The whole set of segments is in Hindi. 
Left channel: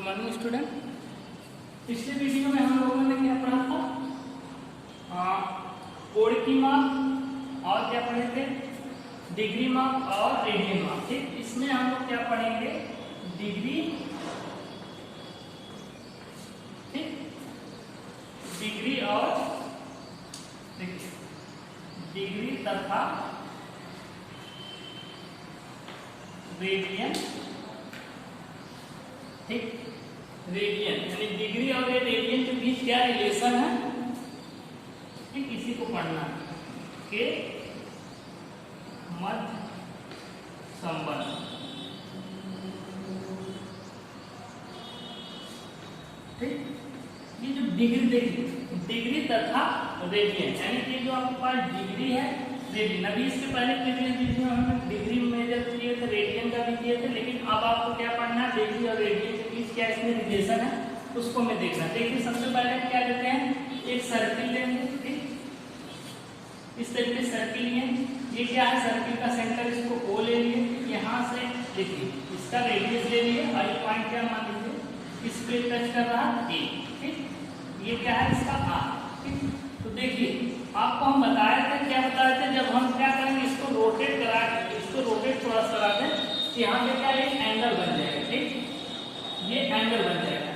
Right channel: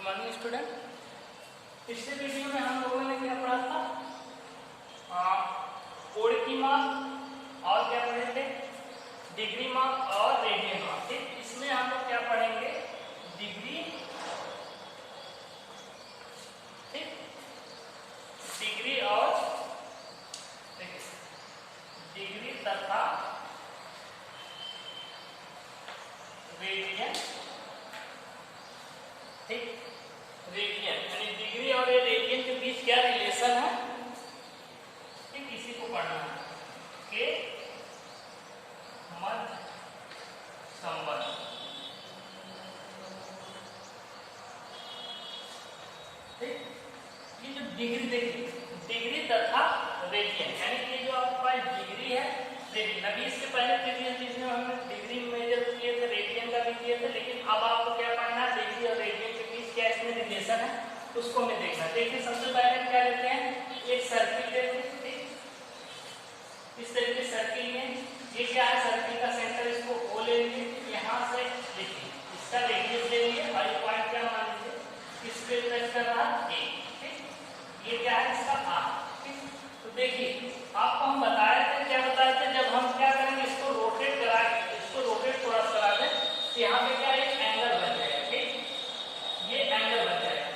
Good morning student. पिछले वीडियो में हम लोगों ने क्या पढ़ा था? कोण की माप और क्या पढ़े थे? डिग्री माप और रेडियन माप। ठीक, इसमें हम लोग क्या पढ़ेंगे? डिग्री, ठीक, डिग्री और डिग्री तथा रेडियन। ठीक, रेडियन यानी डिग्री और रेडियन के बीच क्या रिलेशन है, ठीक, इसी को पढ़ना है के मध्य संबंध। ठीक, ये जो डिग्री देखिए, डिग्री तथा रेडियन यानी कि जो आपके पास डिग्री है, रेडियन। अभी इसके पहले प्रीवियस वीडियो में हमने डिग्री मेजर किए थे, रेडियन का भी किए थे, लेकिन अब आपको क्या पढ़ना है? डिग्री और रेडियन के बीच क्या इसमें रिलेशन है उसको हमें देखना। देखिए सबसे पहले क्या लेते हैं? एक सर्किल लेंगे। ठीक, इस तरीके सर्किल में ये क्या है? सर्किल का सेंटर इसको O ले लिए, यहाँ से देखिए इसका रेडियस ले लिए और ये पॉइंट क्या मान लीजिए इस पे टच कर रहा है A। ठीक, ये क्या है? इसका R। ठीक, तो देखिए आपको हम बताए थे, क्या बताए थे? जब हम क्या करेंगे, इसको रोटेट करा, इसको रोटेट थोड़ा सा करा दें तो यहाँ पे क्या एक एंगल बन जाएगा। ठीक, ये एंगल बन जाएगा।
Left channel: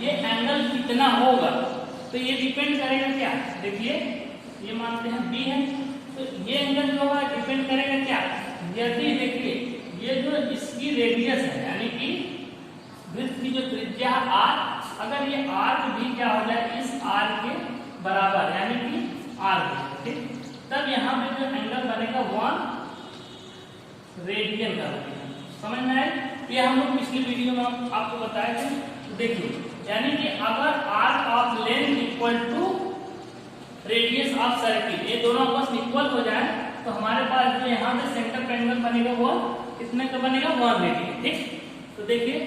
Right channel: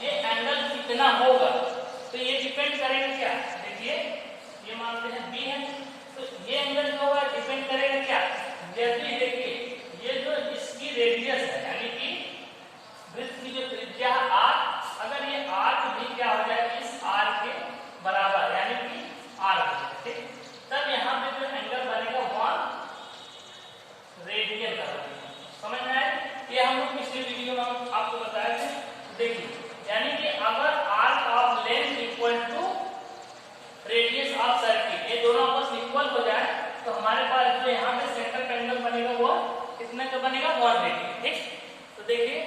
ये एंगल कितना होगा तो ये डिपेंड करेगा क्या? देखिए ये मानते हैं B है, तो ये एंगल जो होगा डिपेंड करेगा क्या? यदि देखिए ये जो इसकी रेडियस है यानी कि वृत्त की जो त्रिज्या R, अगर ये R भी क्या हो जाए इस R के बराबर यानी कि R, ठीक, तब यहाँ पे जो एंगल बनेगा 1 रेडियन का बनेगा। समझ में आए? ये हम लोग पिछली वीडियो में हम आपको बताए थे। तो देखिए यानी कि अगर arc of length equal to radius of circle, ये दोनों आपस में इक्वल हो जाए तो हमारे पास जो यहाँ पे सेंटर का एंगल बनेगा वो कितने का बनेगा? 1 रेडियन। ठीक, तो देखिए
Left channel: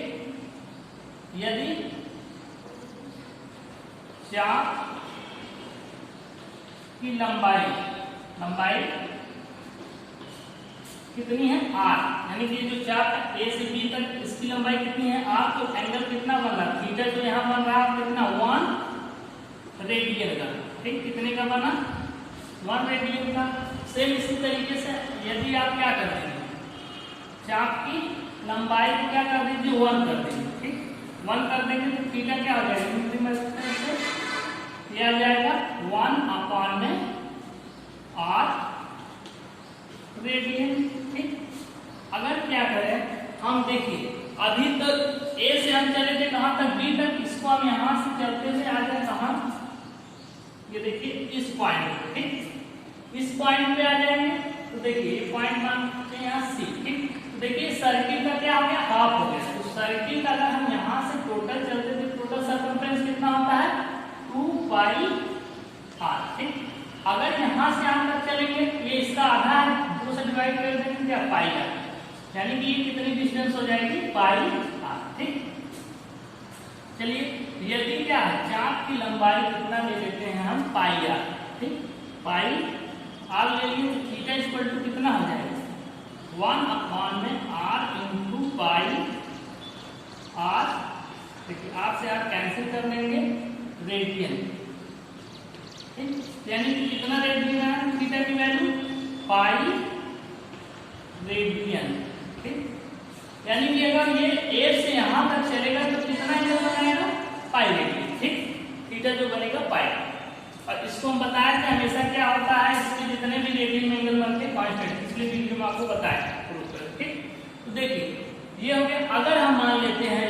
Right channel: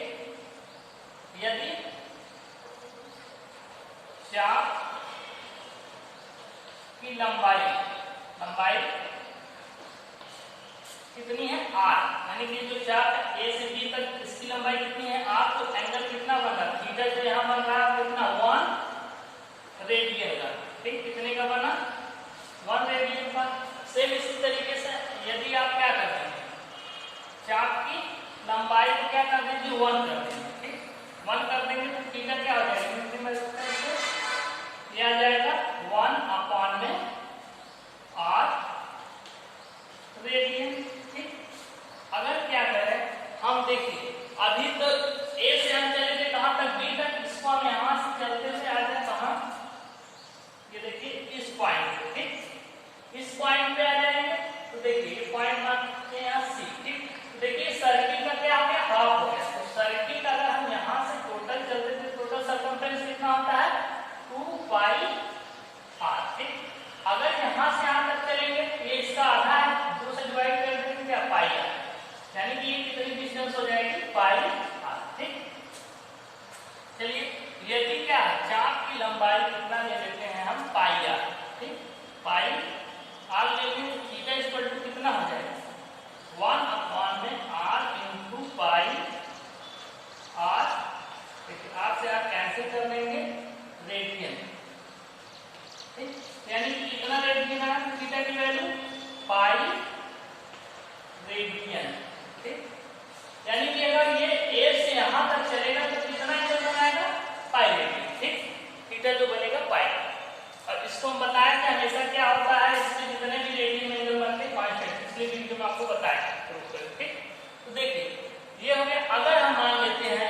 यदि चाप की लंबाई कितनी है? R, यानी कि जो चाप है A से B तक इसकी लंबाई कितनी है? R, तो एंगल कितना बन रहा है? थीटा जो यहाँ बन रहा है कितना? 1 रेडियन का। ठीक, कितने का बना? 1 रेडियन का। सेम इसी तरीके से यदि आप क्या कर देंगे, चाप की लंबाई को क्या कर दीजिए? 1 कर देंगे। ठीक, 1 कर देंगे तो थीटा क्या हो जाएगा? ये आ जाएगा 1 में R रेडियन। ठीक, अगर क्या करें हम, देखिए अभी तक A से हम चले थे कहां तक? B तक। इसको हम यहां से चलते हुए आ जाए कहां? ये देखिए इस पॉइंट। ठीक, इस पॉइंट पे आ जाएंगे तो देखिए ये पॉइंट मानते हैं यहाँ C। ठीक, तो देखिए सर्किल का क्या हो गया? हाफ हो गया। तो सर्किल का अगर हम यहाँ से टोटल चलते थे, टोटल सर्कमफ्रेंस कितना होता है? 2 पाई R। ठीक, अगर यहाँ से यहाँ तक चलेंगे, ये इसका आधा है, 2 से डिवाइड कर देंगे क्या? पाई R, यानी कि ये कितनी डिस्टेंस हो जाएगी? पाई R। ठीक, चलिए यदि क्या है चाप की लंबाई कितना ले लेते हैं हम? पाई R। ठीक, पाई R ले लिए तो थीटा इक्वल टू कितना हो जाएगा? 1 में R इंटू पाई R। देखिए R से R कैंसिल कर लेंगे, रेडियन। ठीक, यानी कि कितना रेडियन है थीटा की वैल्यू? Pi radian. ठीक, यानी कि अगर ये A से यहां तक चलेगा तो कितना एंगल बनाएगा? Pi radian. ठीक, थीटा जो बनेगा पाई। और इसको हम बताया था हमेशा क्या होता है, इसके जितने भी रेडियन में एंगल बनते हैं कांस्टेंट। पिछले वीडियो में आपको बताया प्रूफ कर। ठीक, तो देखिए ये हो गया। अगर हम मान लेते हैं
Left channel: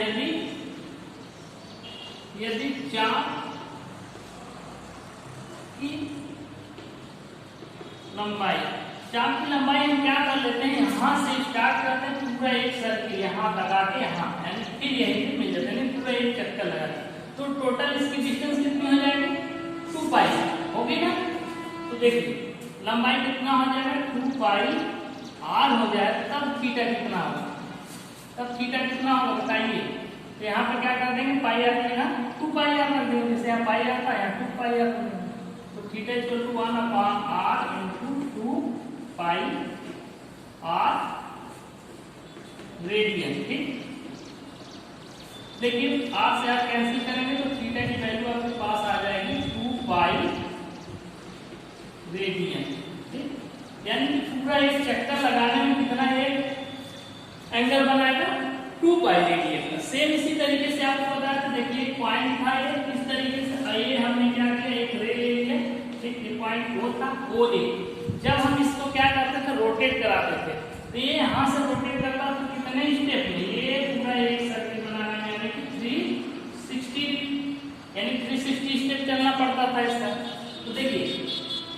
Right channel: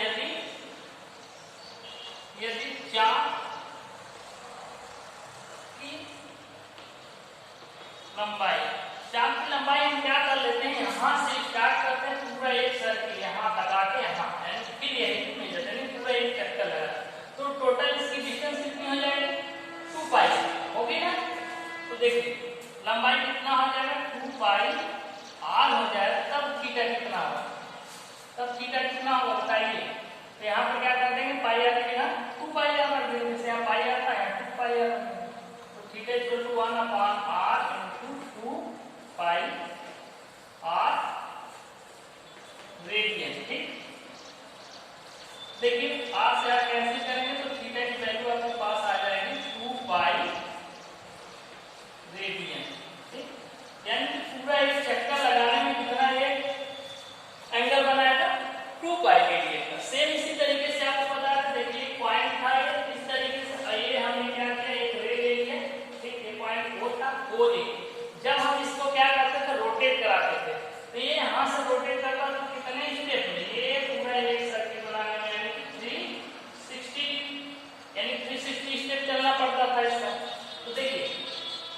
यदि चाप की लंबाई हम क्या कर लेते हैं? यहां से स्टार्ट करते हैं पूरा एक सर्किल यहां लगा के, यहाँ फिर यही मेजर यानी पूरा एक चक्कर लगा के, तो टोटल इसकी डिस्टेंस कितनी हो जाएगी? 2 पाई होगी ना। तो देखिए लंबाई कितना हो जाएगा? 2 पाई R हो जाएगा। तब थीटा कितना होगा? कितना होगा बताइए? तो यहाँ पे क्या कर देंगे? पाई R की जगह 2 पाई R कर देंगे। जैसे यहाँ पाई आता है 2 पाई R कर देंगे। तो theta equal to 1/R into 2 pi R radian. ठीक, लेकिन आप से आप कैंसिल करेंगे तो थीटा की वैल्यू आपके पास आ जाएगी 2 पाई रेडियन। ठीक, यानी कि पूरा एक चक्कर लगाने में कितना एक एंगल बनाएगा 2 पाई रेडियन का। सेम इसी तरीके से आपको पता है, देखिए एक पॉइंट था ये इस तरीके से, ये हमने क्या किया एक रे ले लिया। ठीक, ये पॉइंट O था, OA। जब हम इसको क्या करते थे रोटेट कराते थे, तो ये यहाँ से रोटेट करता तो कितने स्टेप में ये पूरा एक सर्किल बनाने में यानी कि 360 स्टेप चलना पड़ता था इसका। तो देखिए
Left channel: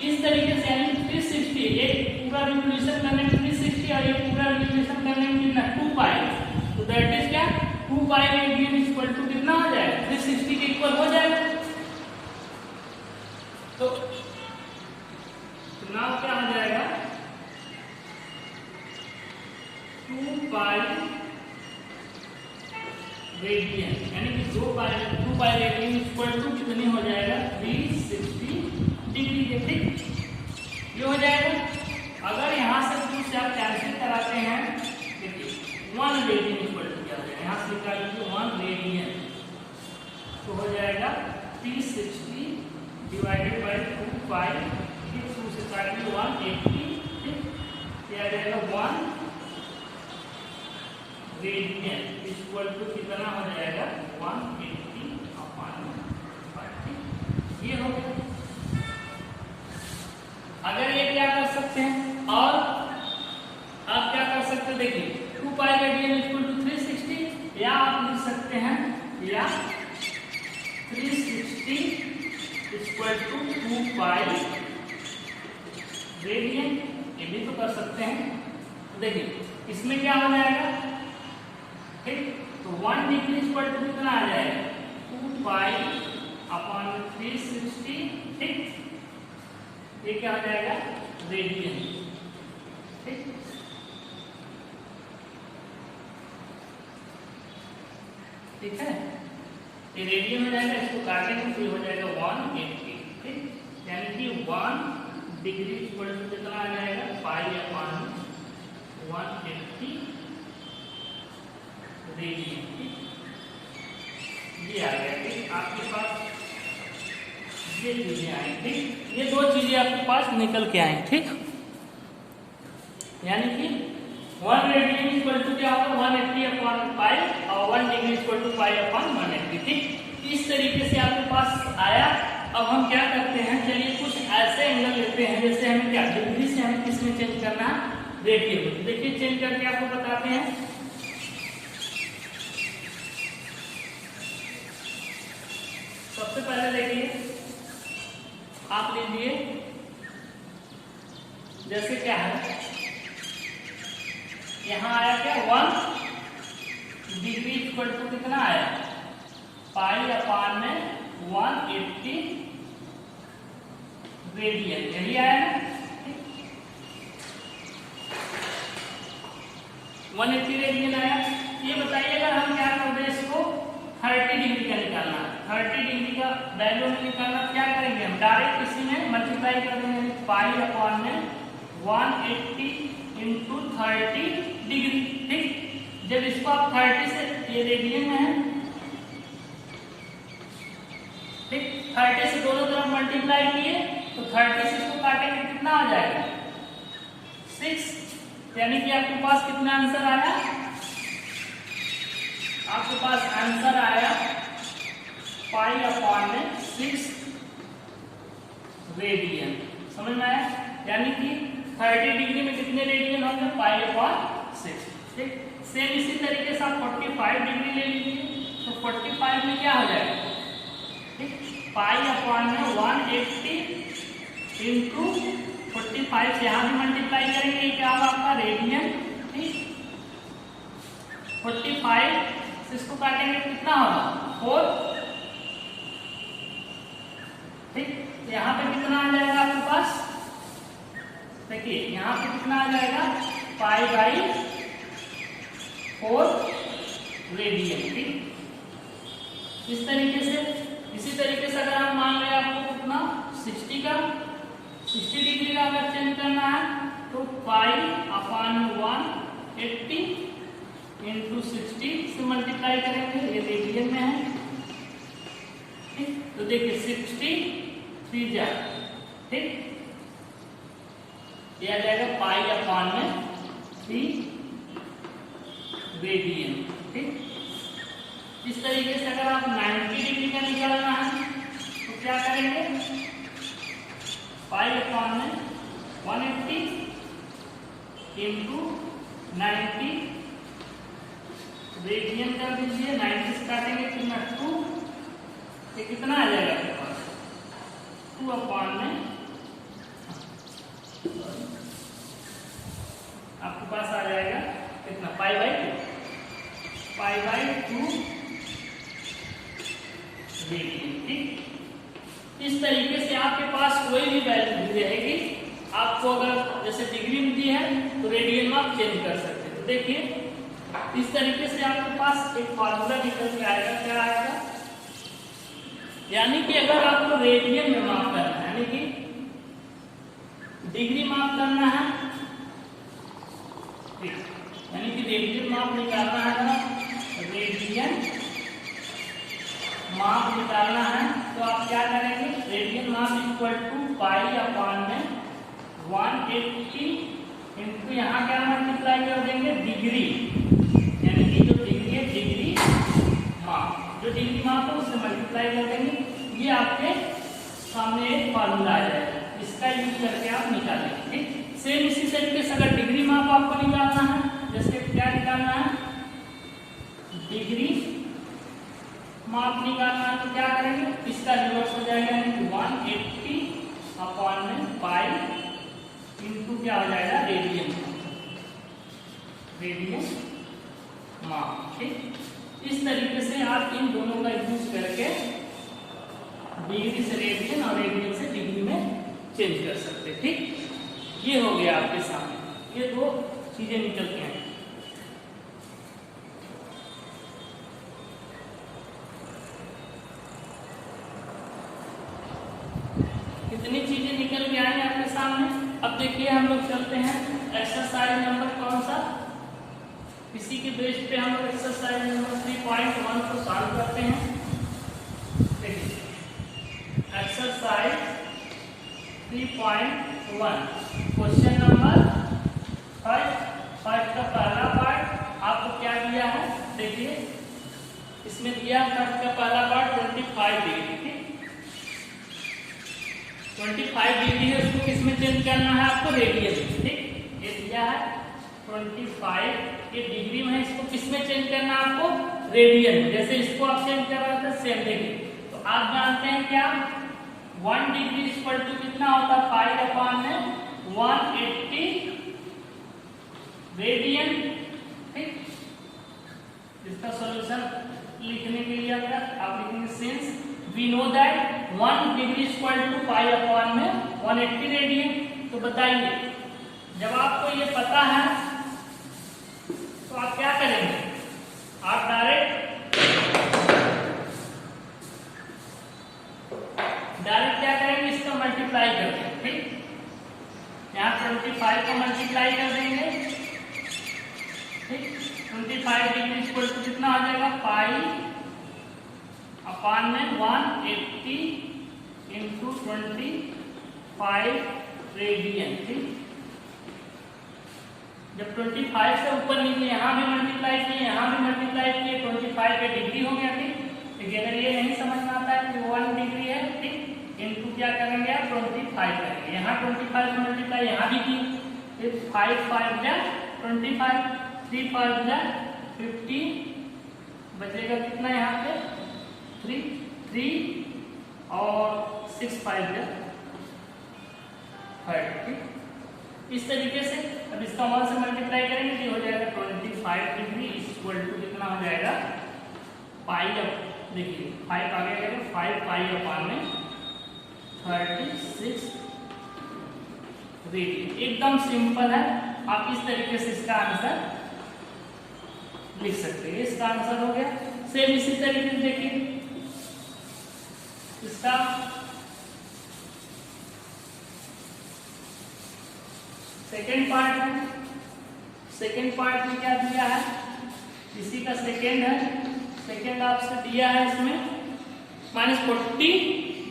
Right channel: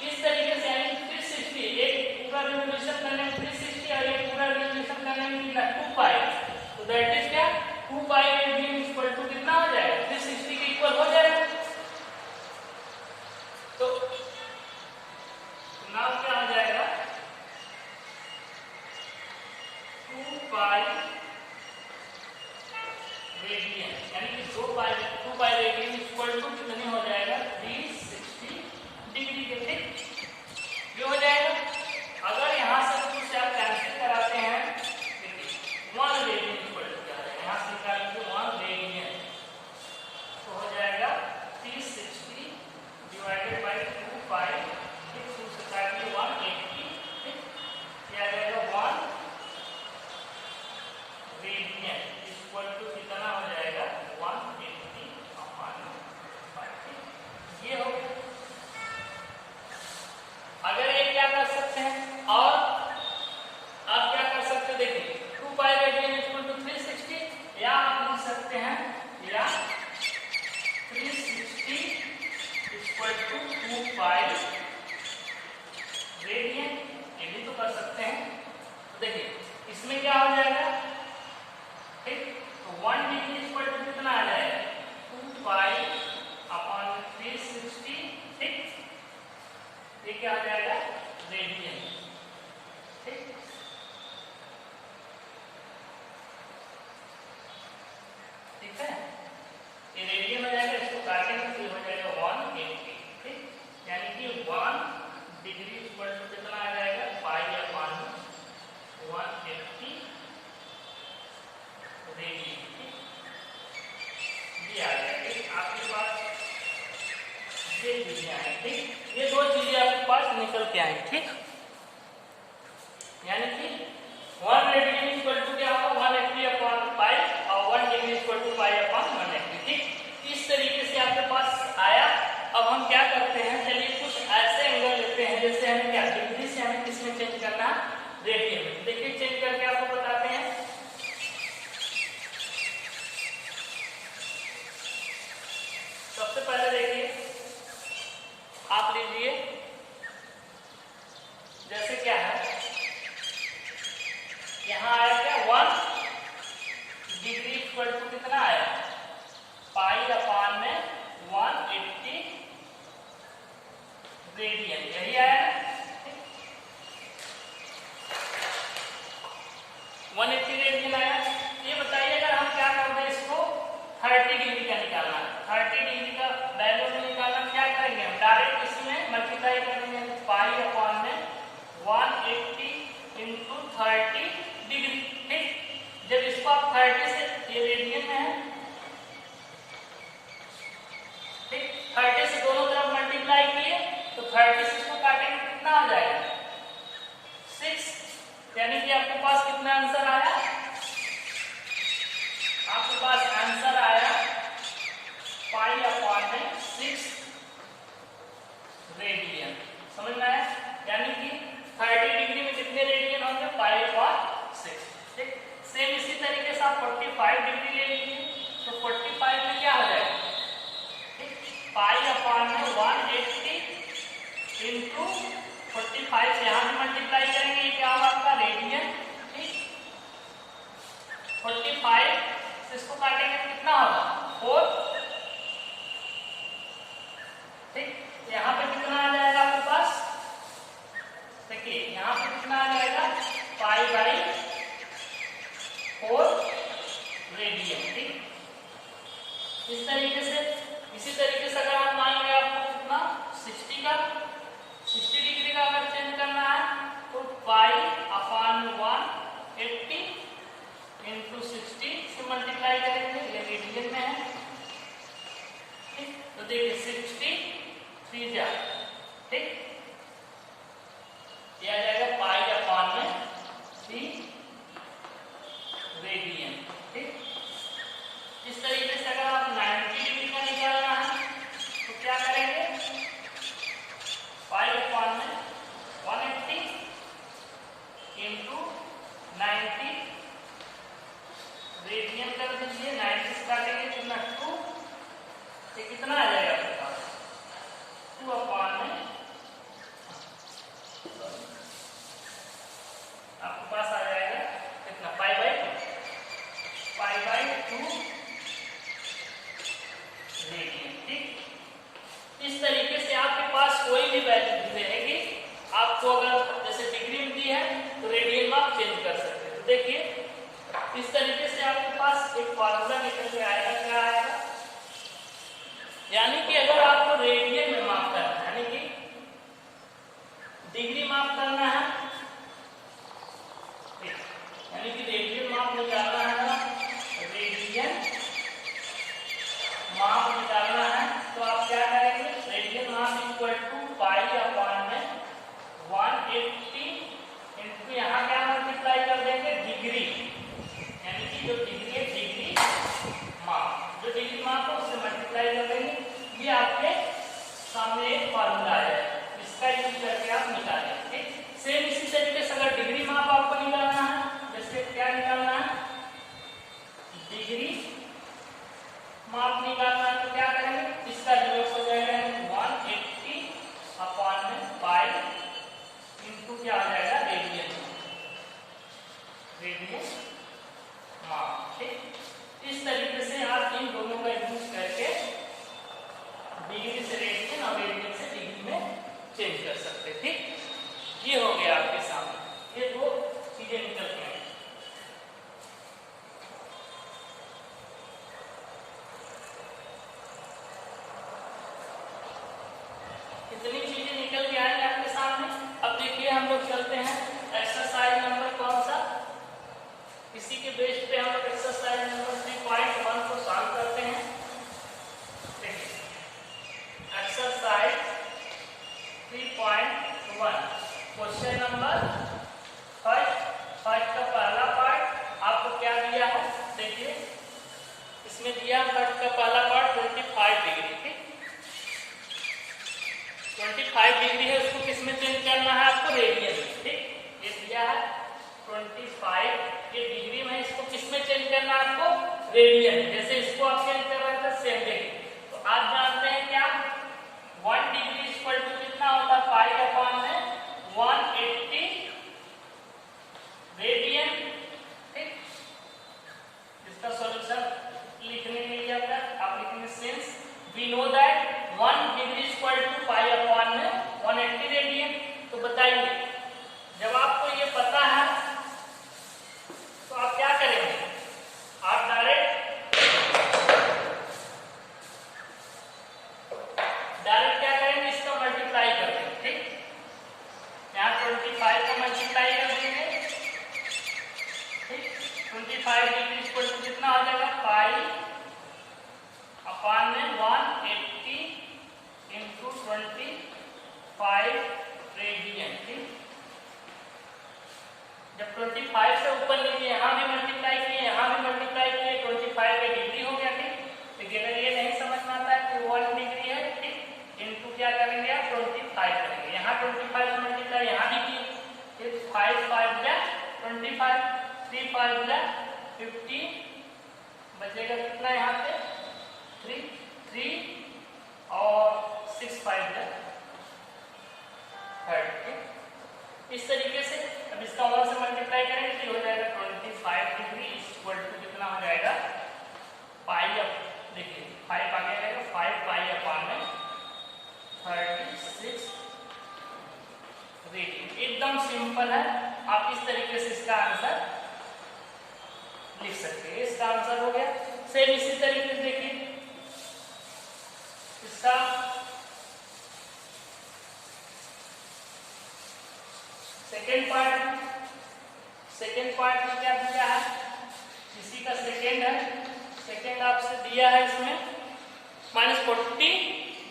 इस तरीके से यानी 360 एक पूरा रिवोल्यूशन करने में 360 और ये पूरा रिवोल्यूशन करने में कितना 2 पाई। तो दैट इज क्या 2 पाई रेडियन इक्वल टू कितना हो जाएगा 360 के इक्वल हो जाएगा। तो नाउ क्या हो जाएगा 2 पाई रेडियन यानी कि 2 पाई रेडियन इक्वल टू कितने हो जाएगा 360 डिग्री के। ठीक, ये हो जाएगा। अगर यहां से कुछ आप कैंसिल कराते हैं, देखिए 1 रेडियन इक्वल टू क्या है, यहां से निकाल लीजिए 1 रेडियन, तो हो जाएगा 360 डिवाइडेड बाय 2 पाई, 2 से काट लीजिए 180। ठीक, ये आ जाएगा 1 रेडियन इक्वल टू कितना हो जाएगा 180 अपॉन 5। ये हो गया। अगर ये क्या कर सकते हैं और आप क्या कर सकते हैं, देखिए 2 पाई रेडियन इक्वल टू 360, या आप लिख सकते हैं या 360 इक्वल टू 2 पाई रेडियन, ये भी तो कर सकते हैं। तो देखिए इसमें क्या हो जाएगा, ठीक, तो 1 डिग्री इक्वल टू कितना आ जाएगा 2 पाई अपॉन 360। ठीक, ये क्या हो जाएगा रेडियन। ठीक, ठीक है, ये रेडियन हो जाएगा, इसको काटेंगे तो ये हो जाएगा 180। ठीक, यानी कि 1 डिग्री इक्वल टू कितना आ जाएगा पाई अपॉन 180 रेडियन। ये आ गया। ठीक, आपके पास ये चीजें आई। ठीक, ये 2 चीजें आपके पास निकल के आई। ठीक, यानी कि 1 रेडियन इक्वल टू क्या होगा 180 अपॉन पाई और 1 degree equal to pi upon 180। ठीक, इस तरीके से आपके पास आया। अब हम क्या करते हैं, चलिए कुछ ऐसे एंगल लेते हैं जैसे हमें क्या डिग्री से हमें किसमें चेंज करना है रेडियन में। देखिए चेंज करके आपको बताते हैं। सबसे पहले देखिए आप लीजिए, जैसे क्या है यहां आया क्या 1 डिग्री इक्वल टू कितना आया पाई अपान में 180 रेडियन, यही आया ना 180 रेडियन आया। ये बताइए अगर हम क्या कर दें इसको 30 डिग्री का निकालना है, 30 डिग्री का वैल्यू में निकालना, क्या करेंगे हम डायरेक्ट इसी में मल्टीप्लाई कर देंगे पाई अपॉन में 180 इंटू 30 डिग्री। ठीक, जब इसको आप 30 से ये रेडियन में है, ठीक 30 से दोनों तरफ मल्टीप्लाई किए तो 30 से इसको काटेंगे कितना आ जाएगा 6, यानी कि आपके पास कितना आंसर आया, आपके पास आंसर आया पाई अपॉन में 6 रेडियन। समझ में आया, यानी कि 30 डिग्री में कितने रेडियन होंगे पाई अपॉन 6। ठीक, सेम इसी तरीके से आप 45 डिग्री ले लीजिए तो 45 में क्या हो जाएगा, ठीक पाई अपॉन में 180 इंटू 45 से यहां भी मल्टीप्लाई करेंगे, क्या होगा आपका रेडियन। ठीक, 45 से इसको काटेंगे कितना होगा 4। ठीक, यहाँ पे कितना आ जाएगा आपके पास, देखिए यहाँ पे कितना आ जाएगा पाई बाई 4 रेडियन। ठीक, इस तरीके से, इसी तरीके से अगर हम मान लें आपको कितना 60 डिग्री का अगर चेंज करना है तो पाई अपॉन 180 इंटू 60 से मल्टीप्लाई मल्टीप्लाई करेंगे, ये रेडियन में है, ठीक। तो देखिए 63 जा, ठीक, ये आ जाएगा पाई अपॉन में 3 रेडियन, ठीक। इस तरीके से अगर आप 90 डिग्री का निकालना है तो क्या करेंगे, पाई अपॉन में 180 इंटू 90 रेडियन कर दीजिए, 90 से काटेंगे कितना 2, ये कितना आ जाएगा आपके पास 2 अपॉन में, आपके पास आ जाएगा कितना पाई बाई 2 रेडियन, ठीक। इस तरीके से आपके पास कोई भी वैल्यू दी रहेगी, आपको अगर जैसे डिग्री में दी है तो रेडियन में आप चेंज कर सकते हैं। तो देखिए इस तरीके से आपके पास एक फॉर्मूला निकल के आएगा, क्या आएगा, यानी कि अगर आपको रेडियन में माप करना है, यानी कि डिग्री माप करना है, यानी कि रेडियन माप निकालना है ना, रेडियन माप निकालना है तो आप क्या करेंगे, रेडियन माप इक्वल टू पाई अपॉन में 180 इंटू यहाँ क्या मल्टीप्लाई कर देंगे डिग्री, यानी कि जो डिग्री है डिग्री माप, जो डिग्री माप है उससे मल्टीप्लाई कर देंगे, ये आपके सामने एक फॉर्मूला आ जाएगा, इसका यूज करके आप निकालेंगे, ठीक। सेम इसी तरीके से अगर डिग्री माप आपको निकालना है, जैसे क्या निकालना है, डिग्री माप निकालना है तो क्या करेंगे, इसका रिवर्स हो जाएगा, यानी 180 अपॉन में पाई इंटू क्या हो जाएगा रेडियन माप, ठीक। इस तरीके से आप इन दोनों का यूज करके डिग्री से रेडियन और रेडियन से डिग्री में चेंज कर सकते हैं, ठीक। ये हो गया आपके सामने, ये दो चीजें निकल के आए। कितनी चीजें निकल के आए आपके सामने। अब देखिए हम लोग चलते हैं एक्सरसाइज नंबर कौन सा, इसी के बेस पे हम लोग एक्सरसाइज नंबर 3.1 को सॉल्व करते हैं। एक्सरसाइज 3.1 क्वेश्चन नंबर फर्स्ट का पहला पार्ट आपको क्या दिया है, देखिए इसमें दिया फर्स्ट का पहला पार्ट 25 डिग्री, ठीक। 25 डिग्री है, उसको किसमें चेंज करना है आपको, रेडियन में, ठीक। ये दिया है 25, ये डिग्री में है, इसको किसमें चेंज करना है आपको, रेडियन में। जैसे इसको आप चेंज कर रहे थे सेम देखिए, तो आप जानते हैं क्या 1 डिग्री इक्वल टू कितना होता है, पाई अपॉन में 180 रेडियन, ठीक। इसका सॉल्यूशन लिखने के लिए आप लिखेंगे since we know that 1 degree equal to pi upon में 180 रेडियन। तो बताइए जब आपको ये पता है तो आप क्या करेंगे, आप डायरेक्ट क्या करेंगे, इसका मल्टीप्लाई करते हैं, ठीक। यहाँ 25 का मल्टीप्लाई कर देंगे, ठीक। 25 डिग्री इक्वल टू कितना हो जाएगा, पाई अपॉन में 180 इंटू 25 रेडियन, ठीक। जब 25 से ऊपर लीजिए, यहाँ भी मल्टीप्लाई किए, यहाँ भी मल्टीप्लाई किए, 25 का डिग्री हो गया, ठीक। तो अगर ये नहीं समझ में आता है कि 1 डिग्री है, ठीक, इनटू क्या करेंगे आप 25 करेंगे, यहाँ 25 से मल्टीप्लाई यहाँ भी की, फिर 5 5 25, 3 5 50, बचेगा कितना यहाँ पे 3 और 6 5 30, ठीक। इस तरीके से अब इसका 1 से मल्टीप्लाई करेंगे कि हो जाएगा 25 डिग्री इक्वल टू कितना हो जाएगा, पाई अप, देखिए 5 आगे आ जाएगा, 5 पाई अपॉन में 36 रेडियन। एकदम सिंपल है, आप इस तरीके से इसका आंसर लिख सकते हैं। इसका आंसर हो गया। सेम इसी तरीके से देखिए इसका सेकेंड पार्ट में क्या दिया है, इसी का सेकेंड है, सेकेंड आपसे दिया है इसमें -40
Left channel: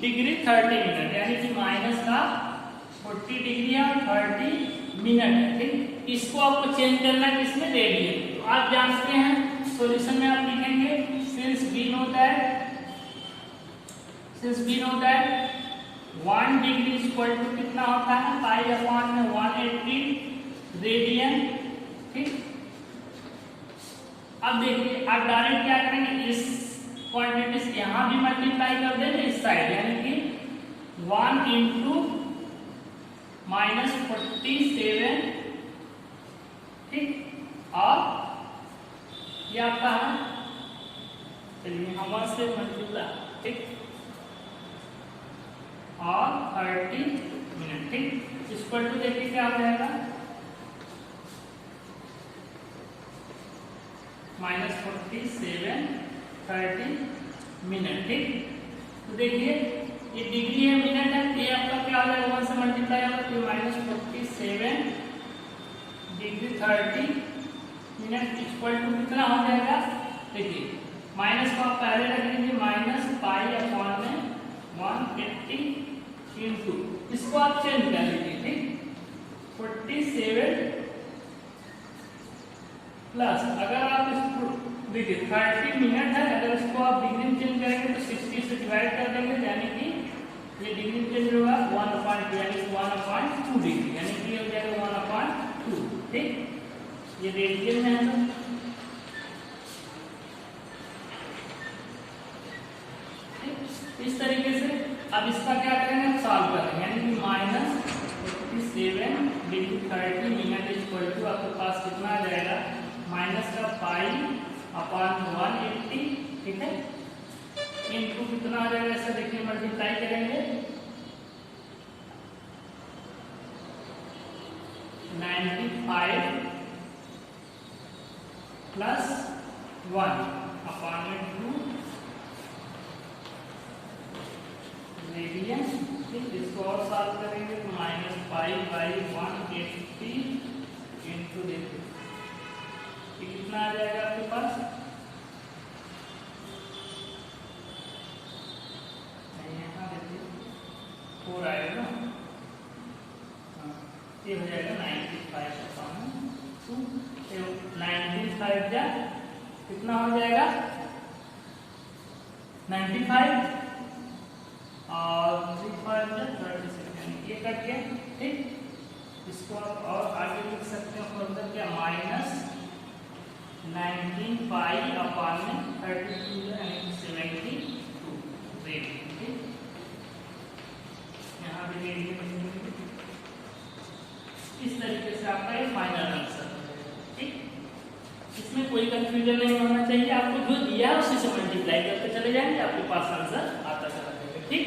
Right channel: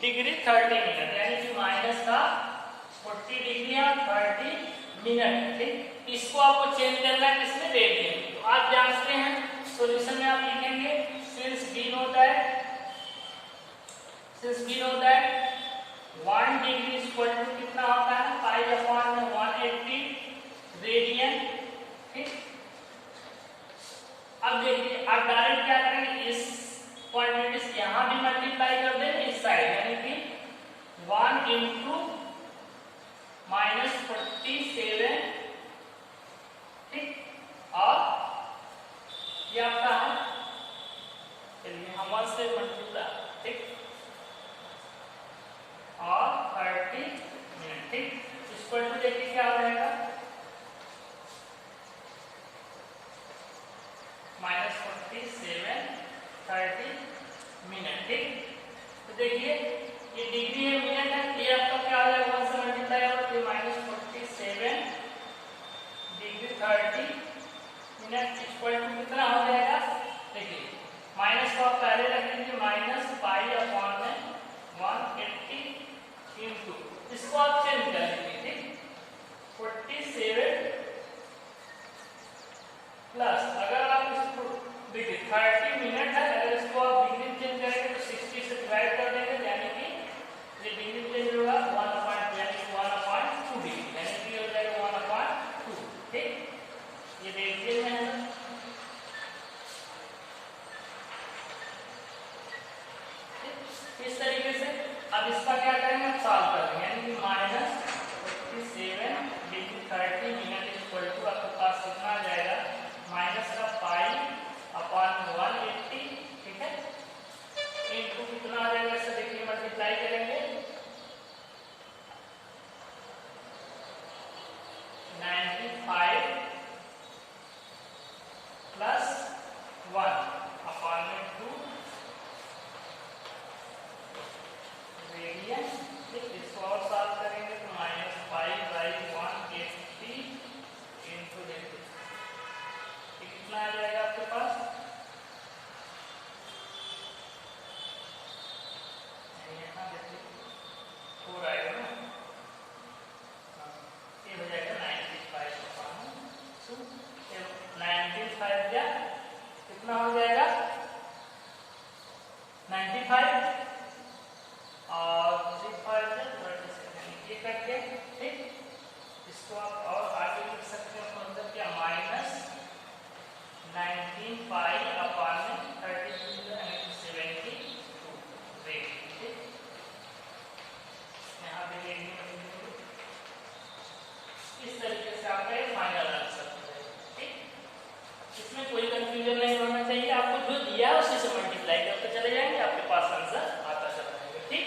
डिग्री 30 मिनट, यानी कि माइनस का 40 डिग्री और 30 मिनट है। ठीक, इसको आपको चेंज करना है किसमें, रेडियन। तो आप जानते हैं सॉल्यूशन में आप लिखेंगे since we know that 1 degree equal to कितना होता है, पाई अपॉन में 180 रेडियन। ठीक, अब देखिए आप डायरेक्ट क्या करेंगे, इस क्वांटिटी से यहां भी मल्टीप्लाई कर देंगे इस साइड, यानी कि 1 इंटू -47। ठीक, और ये आपका है, चलिए हम 1 से मल्टीप्लाई, ठीक, और 30 मिनट। ठीक, इक्वल टू देखिए क्या हो जाएगा, -47 30 मिनट। ठीक, तो देखिए ये डिग्री है, मिनट है, ये आपका क्या हो जाएगा, 1 से मल्टीप्लाई होगा तो -47 डिग्री 30 मिनट इक्वल टू कितना हो जाएगा, देखिए माइनस को आप पहले रख लीजिए, -पाई अपॉन में 180 इंटू, इसको आप चेंज कर लीजिए। ठीक, 47 प्लस, अगर आप इसको देखिए 30 मिनट है, अगर इसको आप डिग्री चेंज करेंगे तो 60 से डिवाइड कर देंगे, यानी कि ये डिग्री चेंज होगा 1/2, यानी 1/2 डिग्री, यानी कि हो जाएगा 1/2। ठीक, ये रेडियन में है। इस तरीके से अब इसका क्या करेंगे, हम सॉल्व करेंगे, यानी कि -47 डिग्री 30 मिनट इक्वल टू आपके पास कितना आ जाएगा, माइनस का पाई अपॉन 180। ठीक है, इनटू कितना आ जाएगा, ऐसा देखिए मल्टीप्लाई करेंगे 95 प्लस 1 अपॉन में 2 रेडियन। ठीक, इसको और सॉल्व करेंगे तो -पाई/180 इंटू देखिए ये कितना आ जाएगा आपके पास, यहाँ देखिए 4 आएगा ना, ये हो जाएगा 95/2, 95 कितना हो जाएगा 95 और 36 ये कट गया। ठीक, इसको आप और आगे लिख सकते हैं फर्दर क्या, -19 पाई अपॉन में 32 यानी 72 रेडियन। ठीक, यहाँ पे रेडियन, इस तरीके से आपका ये फाइनल आंसर हो जाएगा। ठीक, इसमें कोई कंफ्यूजन नहीं होना चाहिए, आपको जो दिया है उसी से मल्टीप्लाई करते चले जाएंगे, आपके पास आंसर आता चला जाएगा। ठीक,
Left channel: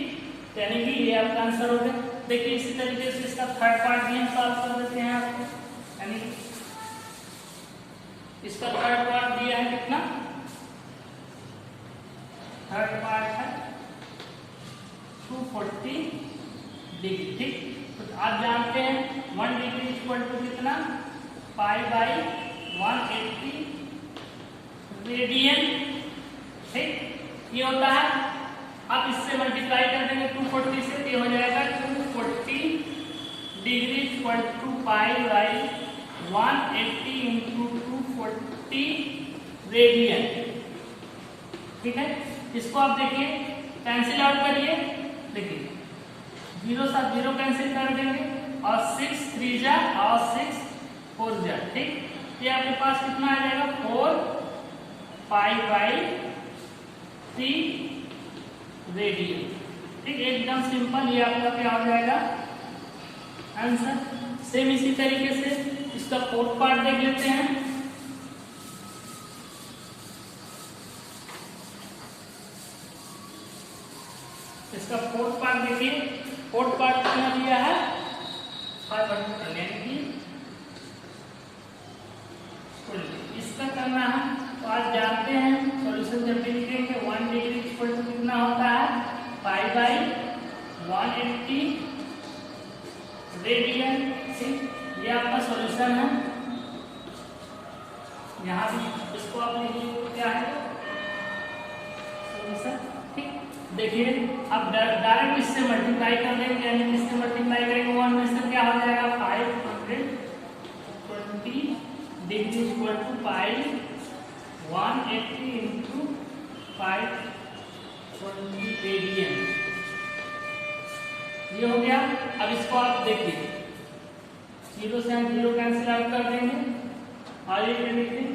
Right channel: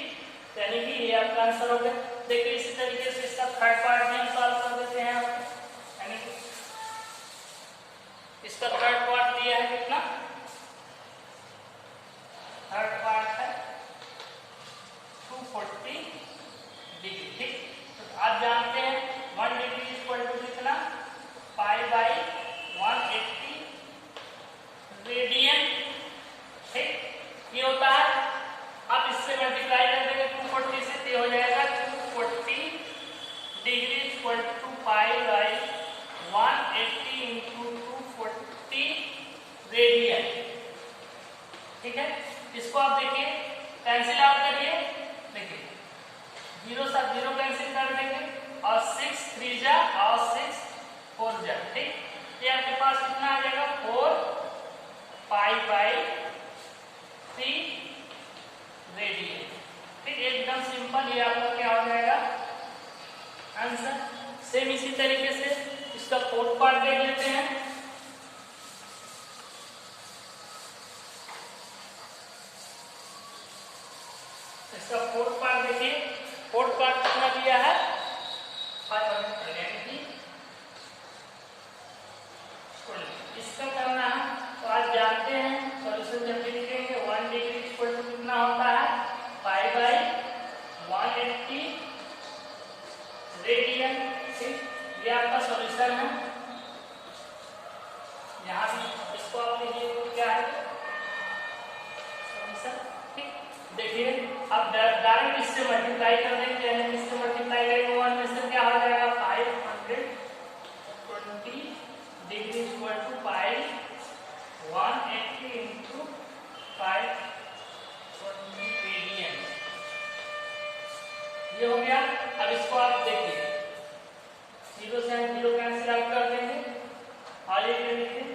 यानी कि ये आपका आंसर हो गया। देखिए इसी तरीके से इसका थर्ड पार्ट भी हम सॉल्व कर देते हैं आपको, यानी इसका थर्ड पार्ट दिया है कितना, थर्ड पार्ट है 240 डिग्री। ठीक, तो आप जानते हैं 1 डिग्री इक्वल टू कितना, पाई/180 रेडियन। ठीक, ये होता है, आप इससे मल्टीप्लाई कर देंगे 240 से, ये हो जाएगा 240 डिग्री इक्वल टू पाई/180 इंटू 240 रेडियन। ठीक है, इसको आप देखिए कैंसिल आउट करिए, देखिए 0 साथ 0 कैंसिल कर देंगे और 6 3 जा और 6 4 जा। ठीक, ये आपके पास कितना आ जाएगा, 4 पाई/3 रेडियन। ठीक, एकदम सिंपल, ये आपका क्या हो जाएगा आंसर। सेम इसी तरीके से इसका फोर्थ पार्ट देख लेते हैं। इसका फोर्थ पार्ट देखिए, फोर्थ पार्ट कितना दिया है 500, यानी कि इसका करना है तो आज जानते हैं सॉल्यूशन जब भी लिखेंगे 1 डिग्री इक्वल टू कितना होता है, पाई/180 रेडियन। ठीक, ये आपका सॉल्यूशन है। यहाँ से इसको आप लिखिए क्या है सर, ठीक। देखिए अब डायरेक्ट इससे मल्टीप्लाई कर देंगे, यानी इससे मल्टीप्लाई करेंगे 1 में से क्या हो जाएगा 520 degree equal to pi 180 into 520 radian. ये हो गया। अब इसको आप देखिए 0 से हम 0 कैंसिल आउट कर देंगे और ये क्या लिखते हैं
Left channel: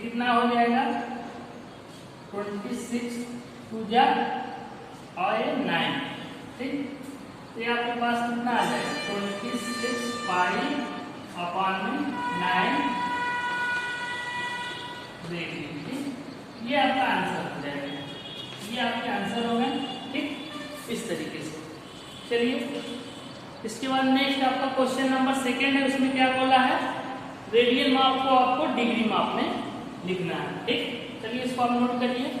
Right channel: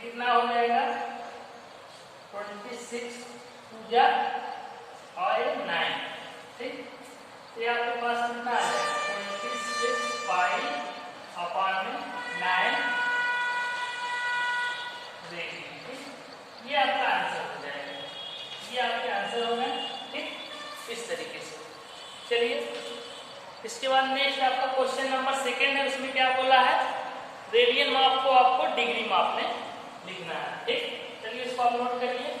कितना हो जाएगा 26 पूजा और ये 9, ठीक। तो ये आपके पास कितना आ जाएगा 26 पाई अपॉन में 9 रेडियन, ठीक। ये आपका आंसर हो जाएगा, ये आपके आंसर हो गए, ठीक। इस तरीके से चलिए इसके बाद नेक्स्ट आपका क्वेश्चन नंबर 2 है। उसमें क्या बोला है रेडियन माप को आपको डिग्री माप में लिखना है, ठीक। चलिए इसको आप नोट करिए।